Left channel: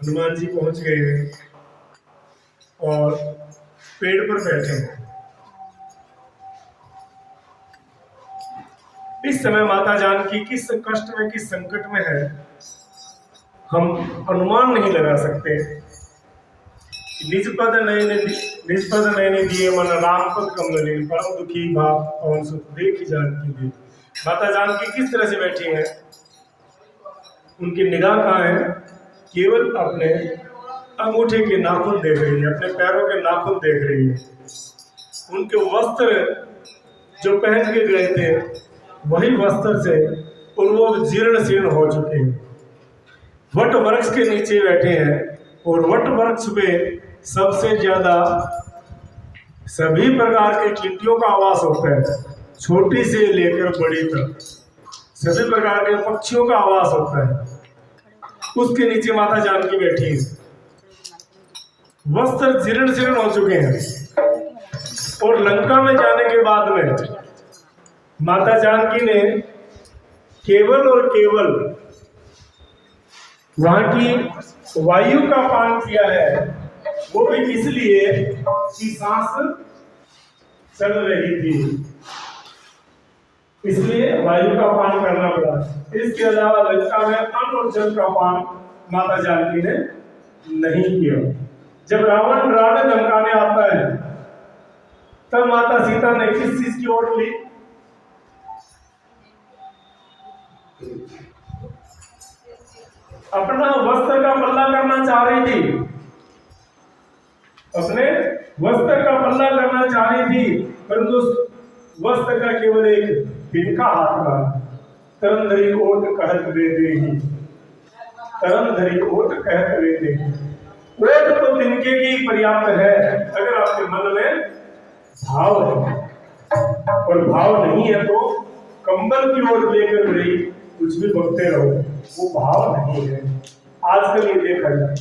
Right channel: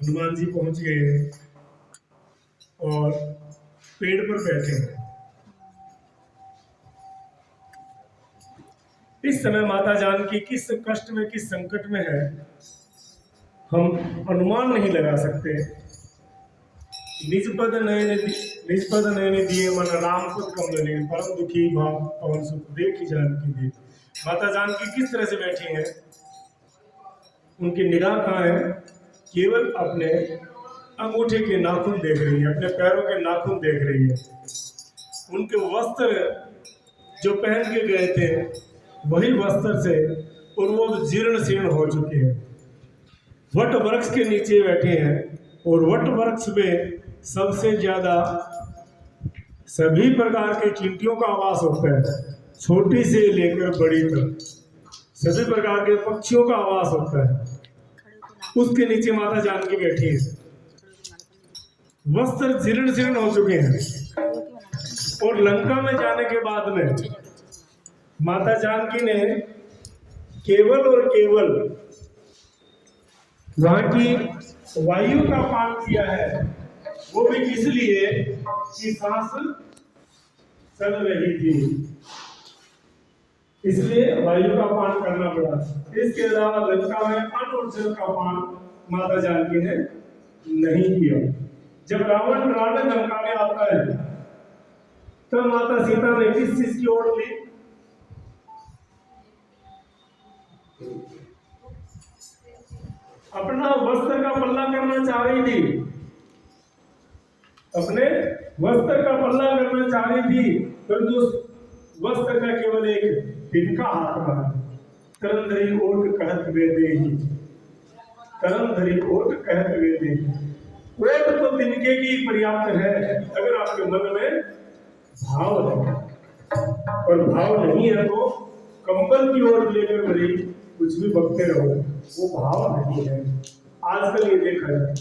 हनुमान जी पहुंच गए हैं और पेड़ पर बैठे हैं। इस समय माता जानकी किस कष्ट में, किस संकट में है, हम अनुमान नहीं लगा सकते। निज पद नयन दिए मन राम पद कमल लीन, परम दुखी भाव पवन सुत देख जानकी दे। माता जानकी किस तरह से बैठी हैं? उनकी निगाह कहाँ है? केवल अपने अंगूठे के नाखून देख रही है, अपने पैरों के नाखून देख रही है। उनके वस्त्र जो पहन के गए थे वही वस्त्र से पूर्व जीर्ण शीर्ण हो चुके हैं। वट वृक्ष के नीचे बैठे हैं और वट वृक्ष पे सबसे ज्यादा सभी प्रकार के चींटियों का आवास होता है, छोटी से लेकर बड़ी तक सभी प्रकार के पक्षियों का आवास होता है। उसके नीचे माता जानकी बैठी है। वस्त्र जीर्ण शीर्ण हो चुके हैं और लंका में जाने के बाद में माता जानकी ने केवल और केवल वहां की वायु का पान किया है, वो भी इसलिए कि सांस चल रही थी, इसलिए वायु का पान करना पड़ा। इसके अलावा लंका में अन्न और जल का पान माता जानकी ने नहीं किया। जब रावण रावण धमकाने आता है तब माता सीता ने किस चीज की ओट ली? अपना वस्त्र का पल्ला करना चाह रही थी, अपने वस्त्र का पल्ला करना चाह रही थी, परंतु वस्त्र का केवल एक तिनका हाथ रहा। तरन धरी ओट कहत वे देही, तरन धरी ओट कहत वे देही। ओट तो तिनके की पर्याप्त है अगर आपके मन में भाव है, और भाव नहीं है तो कंबल की ओर लेकर रही कुछ भी बकते रहो, वो भाव नहीं है। आजकल ये देखा जाए,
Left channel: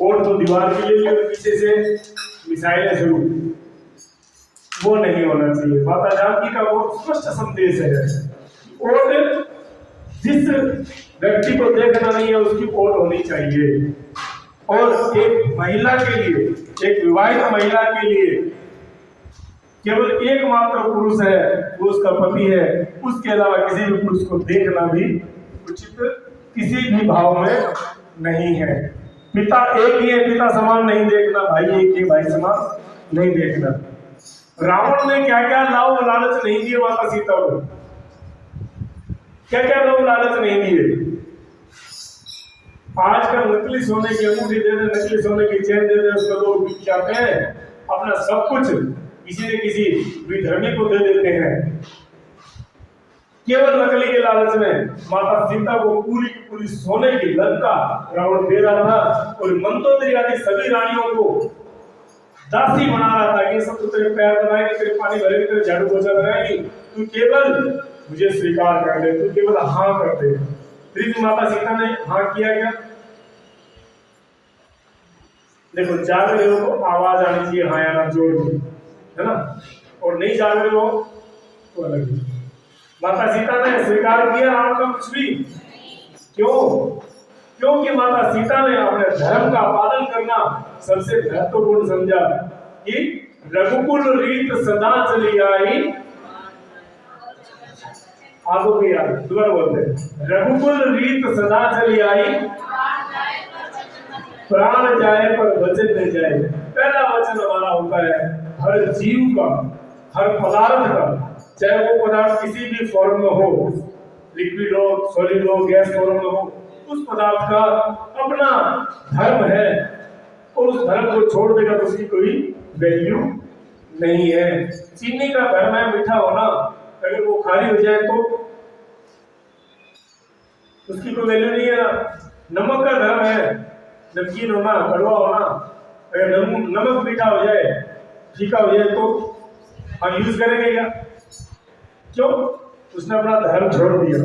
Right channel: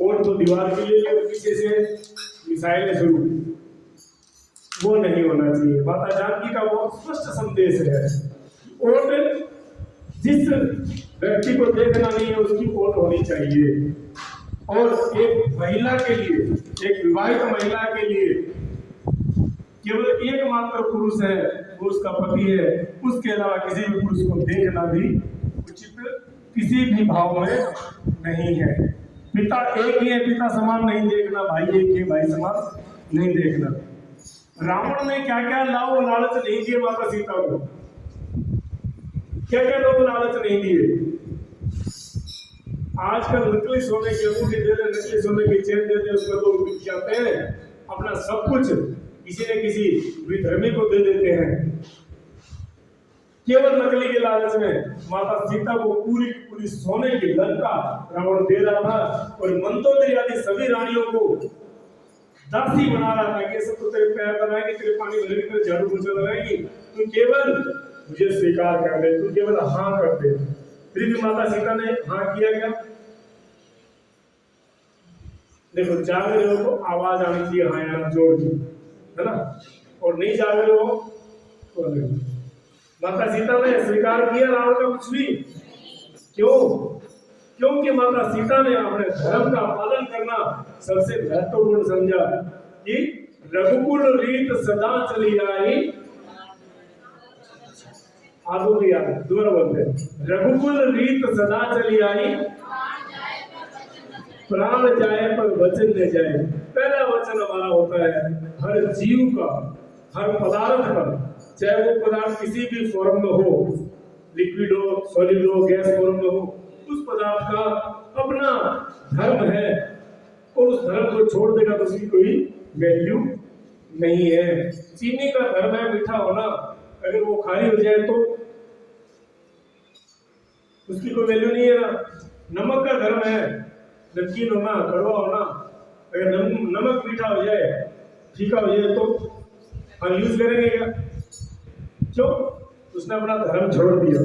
ओट तो दीवार भी ले ली और पीछे से मिसाइलें शुरू, वो नहीं होना चाहिए। माता जानकी का बहुत स्पष्ट संदेश है, ओट जिस व्यक्ति को देखना नहीं है उसकी ओट होनी चाहिए। और एक महिला के लिए, एक विवाहित महिला के लिए केवल एकमात्र पुरुष है, वो उसका पति है। उसके अलावा किसी भी पुरुष को देखना भी उचित किसी भी भाव में नहीं है। पिता एक ही है, पिता समान नहीं देखना, भाई एक ही, भाई समान नहीं देखना। रावण ने क्या क्या लाभ लालच नहीं दिए माता सीता को, क्या क्या लाभ लालच नहीं दिए। आजकल नकली सोने की अंगूठी दे दे, नकली सोने की चेन दे दे, उसको लोग बिक जाते हैं, अपना सब कुछ किसी न किसी विधर्मी को दे देते हैं। केवल नकली के लालच में माता सीता को पूरी की पूरी सोने की लंका रावण दे रहा था और मंदोदरी आदि सभी रानियों को दासी बना रहा था। ये सब तो तेरे पैर दबाएंगे, तेरे पानी भरेंगे, तेरे झाड़ू पोछा लगाएंगी, तू केवल मुझे स्वीकार कर ले, तू केवल हाँ कर दे। फिर माता सीता ने हाँ किया क्या? देखो, जाग रहे हो तो आवाज आनी चाहिए हाँ या ना जोड़ के, है ना, और नहीं जाग रहे हो तो अलग। माता सीता ने स्वीकार किया रावण का कुछ भी? क्यों? क्योंकि माता सीता ने अपने धर्म का पालन करना सबसे महत्वपूर्ण समझा कि रघुकुल रीत सदा चली आई। आगो भी यार दोबारा बोलते हैं, रघुकुल रीत सदा चली आई, प्राण जाए पर वचन न जाए। पहला वचन हमारा होता है हर जीव का, हर पदार्थ का, चाहे वो पदार्थ किसी भी फॉर्म में हो, लिक्विड हो, सॉलिड हो, गैस फॉर्म में हो, उस पदार्थ का अपना धर्म है और उस धर्म को छोड़ देगा तो उसकी कोई वैल्यू नहीं है। चीनी का धर्म है मीठा होना, अगर वो खारी हो जाए तो उसकी कोई वैल्यू नहीं है ना। नमक का धर्म है नमकीन होना, कड़वा होना, अगर नमक मीठा हो जाए, फीका हो जाए तो हम यूज करेंगे क्या? क्यों? उसने अपना धर्म छोड़ दिया।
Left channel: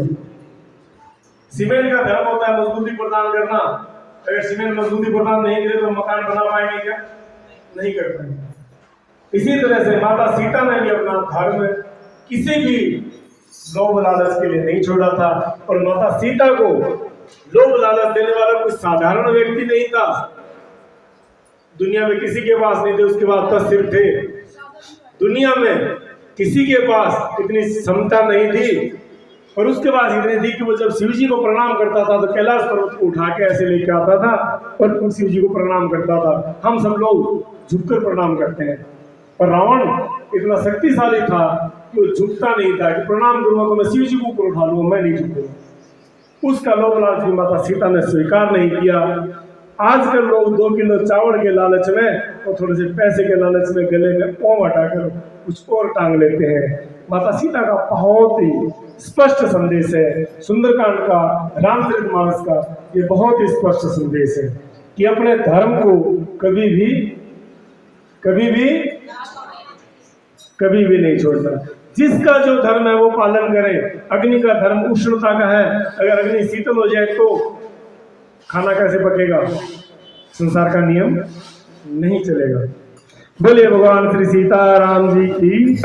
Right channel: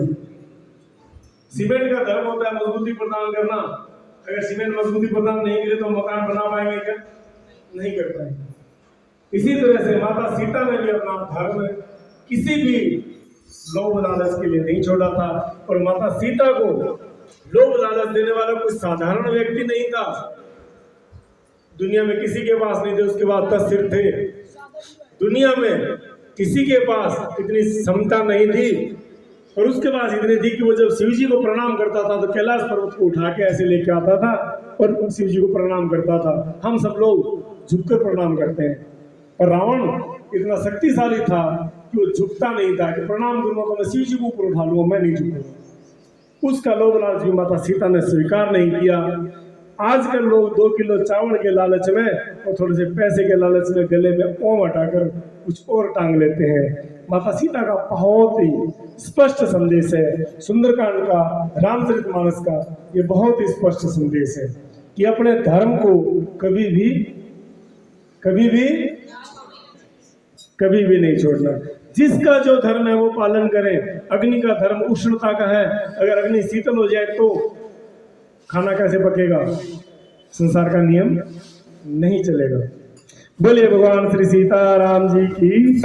सीमेंट का धर्म होता है मजबूती प्रदान करना, अगर सीमेंट मजबूती प्रदान नहीं करे तो मकान बना पाएंगे क्या? नहीं कर पाएंगे। इसी तरह से माता सीता ने भी अपना धर्म किसी भी लोभ लालच के लिए नहीं छोड़ा था और माता सीता को लोभ लालच देने वाला कोई साधारण व्यक्ति नहीं था। दुनिया में किसी के पास नहीं थे, उसके पास 10 सिर थे। दुनिया में किसी के पास इतनी क्षमता नहीं थी, पर उसके पास इतनी थी कि वो जब शिव जी को प्रणाम करता था तो कैलाश पर्वत को उठा के ऐसे लेके आता था और शिव जी को प्रणाम करता था। हम सब लोग झुककर प्रणाम करते हैं, पर रावण इतना शक्तिशाली था कि वो झुकता नहीं था कि प्रणाम करूंगा तो मैं शिव जी को ऊपर उठा लूंगा, मैं नहीं झुकूंगा। उसका लोभ लालच की माता सीता ने स्वीकार नहीं किया। आजकल लोग 2 किलो चावल के लालच में और थोड़े से पैसे के लालच में गले में ओम हटाकर कुछ और टांग लेते हैं। माता सीता का बहुत ही स्पष्ट संदेश है, सुंदरकांड का, रामचरितमानस का ये बहुत ही स्पष्ट संदेश है कि अपने धर्म को कभी भी नहीं छोड़ना। जिसका जो धर्म है वो पालन करे। अग्नि का धर्म उष्णता का है, अगर अग्नि शीतल हो जाए तो खाना कैसे पकेगा? संसार का नियम नहीं चलेगा। बोले भगवान श्री सीताराम जी की।